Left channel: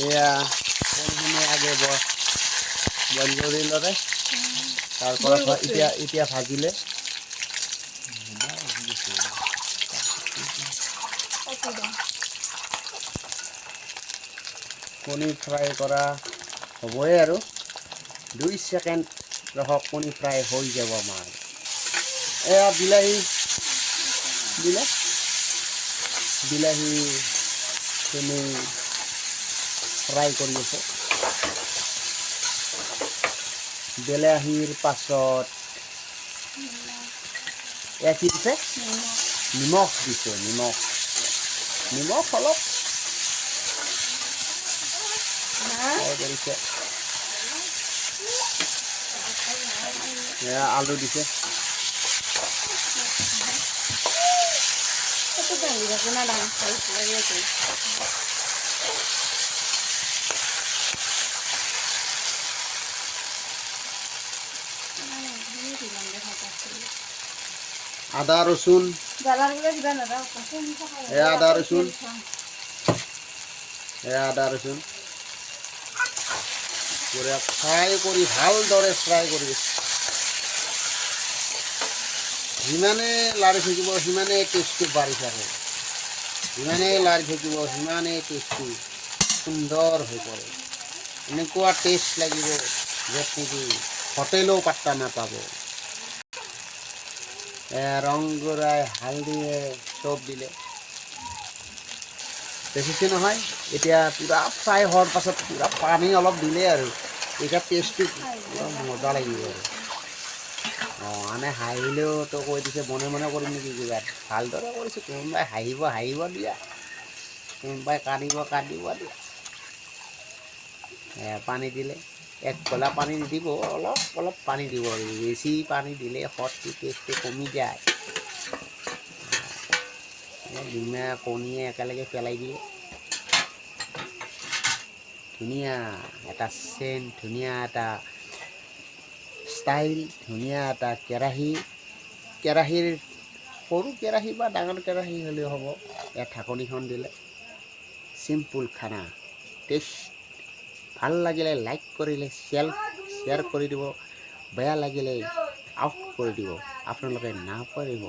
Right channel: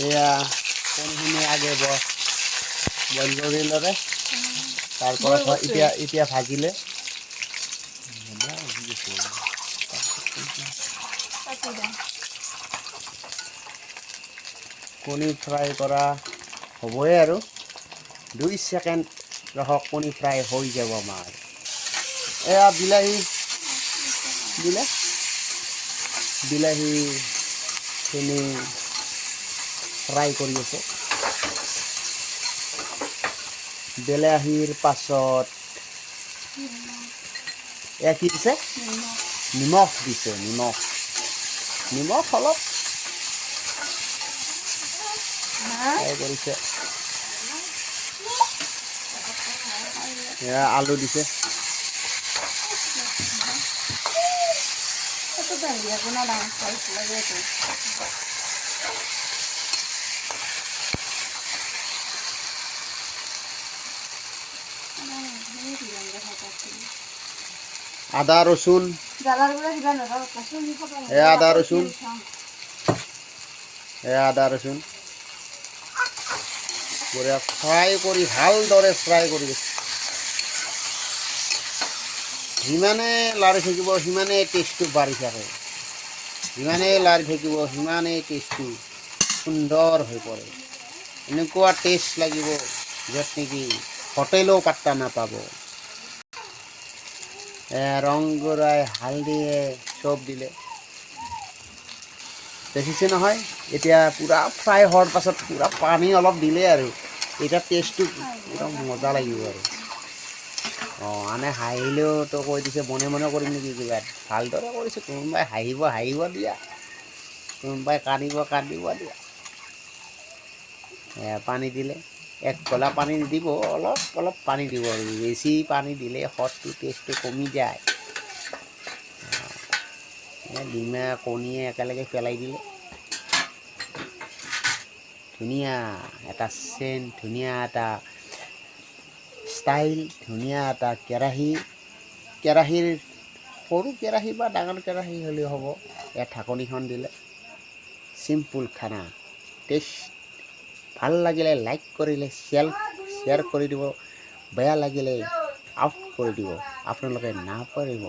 এয়া কণীখিনি আগে বইল কৰি ল'লে তাৰপৰা এতিয়া ভাজিলে কণী ফ্ৰাই কৰা হ'বই আৰু 2 ছেকেণ্ড ৰহক কণী ফ্ৰাই হৈ যাব আমাৰ এয়া বিলাহীখিনি ফ্ৰাই কৰি আছে বিলাহীৰ পাছত এয়া কি দিছে নিমখ দিছে নিমখ অলপ কৰিছে এয়া আলু দিছে আদা ৰচুন আদা ৰচুন ফ্ৰাই কৰি ভালদৰে ফ্ৰাই কৰি যিমানে লাৰি থাকিব সিমানে টেষ্টটো বাঢ়ি থাকে যিমানে লাৰি থাকিব সিমানে টেষ্টটো সুন্দৰ হৈ পৰে এনেকুৱা টেষ্ট লাগিব য'ত নেকি হোটেলেও পাত্তা নাপাব ৰং গুড়াই হালধিয়ে চব দিলে দেখিছে নহয় এতিয়া পূৰা ফ্ৰাই হোৱাৰ পাছত পূৰা পানী অলপ দিলে আৰু এতিয়া টেষ্টটো একদম মজা লাগিব আৰু আনে হাঁহিলেও তো কৈ দিছে মনে মনে কৰিম নেকি কিবা ভালদৰে কৰিছে কোনোবাই হাঁহিব দিয়া কোনোবাই কান্দিব দিয়া পানী দিলে 1 গলা পানী দিব অলপ পানী দিব আৰু বেছি পানী দিলে হটটো টেষ্টটো কমি যায় ডিমে কণীয়ে একেলগে পেলাই দিলে ধুনীয়া এটা চেণ্ট ধুনীয়া এটা ষ্টাইল ধুনীয়া এটা কেৰাহীৰ সৰু কেৰাহী বা ডাঙৰ কেৰাহী হ'লেও হ'ব ইয়াত ঢাকনিখন দিলে চিম্পুল খানা টেষ্ট ভাল লাগিলে লাইক কৰিলে শ্বেয়াৰ কৰি দিব বেয়া লাগিলে আউট কৰি দিব আপোনালোকে নাপাৰিব